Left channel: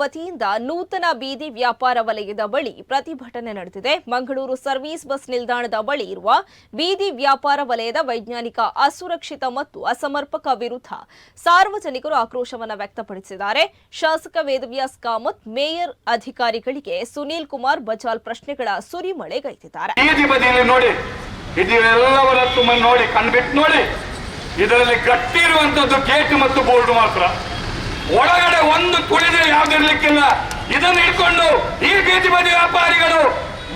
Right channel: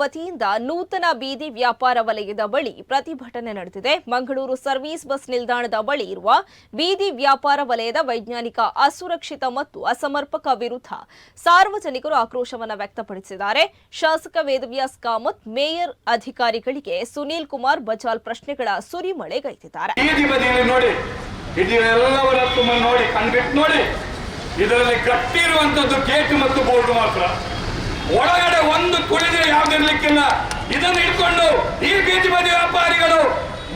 ವತಿಯಿಂದ ನೂತನ ಬೀದಿ ವ್ಯಾಪಾರ ವಲಯದ ಬಳಿ ಪ್ರತಿಭಟನೆ ನಡೆದಿದೆ. ಮಂಗಳೂರು ಸರ್ವಿಸ್ ಬಸ್ ನಿಲ್ದಾಣದ ಬಳಿ ಇರುವ ಬೀದಿ ವ್ಯಾಪಾರ ವಲಯದ ವೈಜ್ಞಾನಿಕ ಅಸುರಕ್ಷಿತ ಮತ್ತು ಅಸಮರ್ಪಕ ವಿರುದ್ಧ ಸಾರ್ವಜನಿಕರು ಆಕ್ರೋಶವನ್ನು ವ್ಯಕ್ತಪಡಿಸಿದ್ದಾರೆ. ಶಾಸಕ ವೇದವ್ಯಾಸ್ ಕಾಮತ್, ಮೇಯರ್ ಅಧಿಕಾರಿಗಳಿಗೆ ಸುನೀಲ್ ಕುಮಾರ್ ಬಜಾಲ್ ಪ್ರಶ್ನೆಗಳ ಸುರಿಮಳೆಗೈದಿದ್ದಾರೆ ಇದರಲ್ಲಿ ಗಟ್ಟಿ ಇರುವಂತದ್ದು ಗೇಟ್ ಮತ್ತು ಬೋರ್ಡ್ ಮಾತ್ರ. ಒಳಗಡೆ ಒಂದು ತುಳಿದ್ರೆ ಯಾವ್ದಿರ್ಲಿಕ್ಕಿಲ್ಲ. ಇದನ್ನು ಇಟ್ಕೊಂಡು ಈ ಬೀದಿ ಬದಿ ವ್ಯಾಪಾರಿಗಳು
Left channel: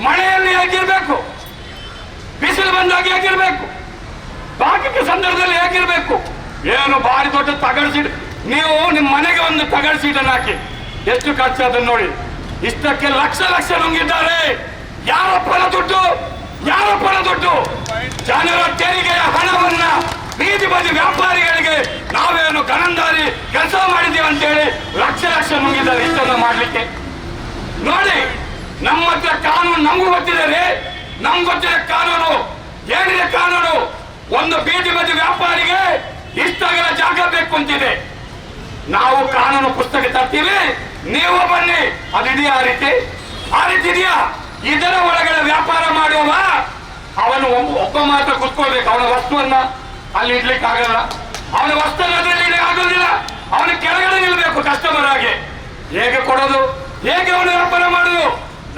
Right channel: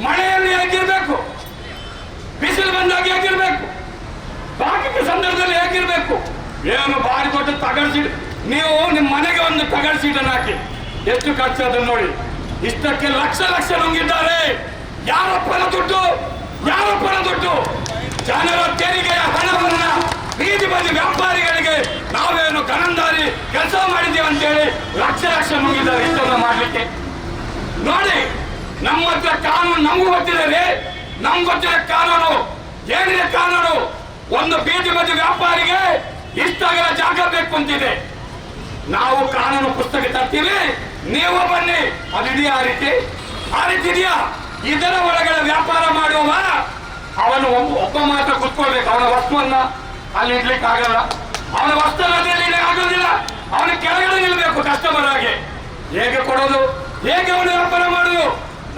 ಮಳೆಯಲ್ಲಿ ಹೇಗಿರ್ಬೇಕು? ಬಿಸಿಲು ಬಂದಾಗ ಹೇಗಿರ್ಬೇಕು? ಬಾಕಿ ಸಂದರ್ಭದಲ್ಲಿ ಹೇಗಿರ್ಬೇಕು? ಏನು ಭಾರಿ ದೊಡ್ಡ ತಗಡ್ ಸೀಟ್. ನೀವು ನಿಮ್ಮ ಮನೆಗೆ ಒಂದು ತಗಡ್ ಸೀಟನ್ನು ಹಾಕಿ. ಎಷ್ಟು ಖರ್ಚು ಅದನ್ನು ನೋಡಿ. ಇಷ್ಟಕ್ಕೆ ಲಕ್ಷ ಲಕ್ಷ ನುಂಗಿದ್ದಾರೆ. ಪರ ದುಡ್ಡು ಯಾರಪ್ಪನ ದುಡ್ಡು. ಜನರ ತೆರಿಗೆಯ ಹಣವನ್ನ ಬೀದಿ ಬದಿ ವ್ಯಾಪಾರಿಗಳಿಗೆ ಅಂತೇಳಿ ಲಕ್ಷ ಲಕ್ಷ ಮುಗಿದ್ದಾರೆ ಇಷ್ಟನ್ನು ಮಾಡ್ಲಿಕ್ಕೆ. ನೋಡಿ, ನಮ್ಮ ಹತ್ರ ಕಾನೂನು ನಮಗೂ ಗೊತ್ತಿದೆ ರೀ. ನಮ್ಗೆ ಗೊತ್ತಿದೆ ಕಾನೂನು. ಏನಿದೆ ಕಾನೂನು? ಒಂದು ಬೀದಿ ಬದಿ ವ್ಯಾಪಾರಿಗೆ ಇಷ್ಟಾಗಲ ಜಾಗ ಬೇಕು ಅಂತಿದೆ. ನಾವು ಕಾನೂನು ಪುಸ್ತಕ ತರ್ತೀವಿ, ನೀವು ಬನ್ನಿ. ಅದಿದೆಯಾ ಆ ರೀತಿ? ಆ ರೀತಿ ಇದೆಯಾ? ಇದರ ಒಳಗಡೆ ವ್ಯಾಪಾರ ಮಾಡುವವ, ಅವನು ಒಬ್ಬ ಮಾತ್ರ ಕುತ್ಕೊಳ್ಬೇಕು. ಅವನ ವಸ್ತುವನ್ನ ಅಲ್ಲಿ ಇಡ್ಲಿಕ್ಕೆ ಆಗಲ್ಲ ಅವನ ವಸ್ತುವನ್ನ ಅದ್ರಲ್ಲಿ ಆಗೋದಿಲ್ಲ. ಅವನ ನಿಲ್ಬೇಕು ಕಸ್ಟಮರ್ ಆಗಿ ಹೇಗೆ ಕೊಡೋದು, ಹೇಗೆ ಅವನು ವ್ಯಾಪಾರ ಮಾಡೋದು,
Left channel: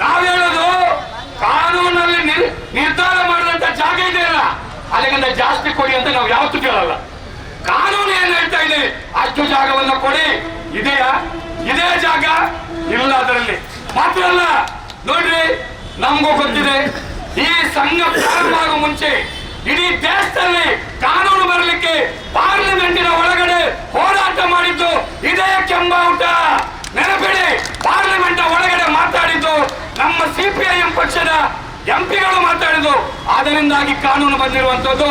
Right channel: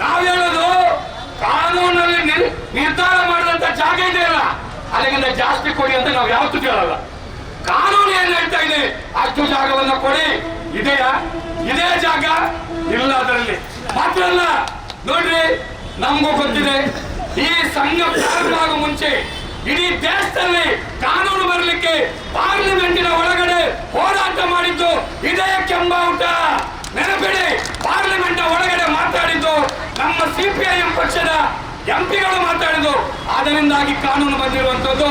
ನಾವ್ ಹೇಳೋದು ಕಾನೂನಲ್ಲಿ ನಿರ್ಧಾರ ಮಾಡಿದಂತ ಜಾಗ ಇದೆಯಲ್ಲ ಅದಕ್ಕಿಂತ ಜಾಸ್ತಿ ಕೊಡಿ ಅಂತ ನಾವು ಯಾವತ್ತೂ ಕೇಳಲ್ಲ. ಕಾನೂನು ಏನ್ ಹೇಳ್ತಾ ಇದೆ, ಅಷ್ಟು ಜಾಗವನ್ನು ಕೊಡಿ, ಇದೆಯಾ? ಇದೇ ಜಾಗ ಇಲ್ಲ ಅದರಲ್ಲಿ. ಮಾತ್ರ ಅಲ್ಲ, ನೋಡ್ರಿ, ನಮಗೂ ಗೊತ್ತಿದೆ, ಈ ಸಂಘ ಪ್ರಾರಂಭ ಆಗೋ ಮುಂಚೆ ಇಡೀ ದೇಶದಲ್ಲಿ ಕಾನೂನು ಬರಲಿಕ್ಕೆ ಪಾರ್ಲಿಮೆಂಟಿನ ಒಳಗಡೆ ಪಕ್ಷದ ಎಂಪಿಗಳು ಮಾತಾಡಿದ್ರು. ಅದರಿಂದಾಗಿ ಕಾನೂನು ಬಂದಿರುವಂತದ್ದು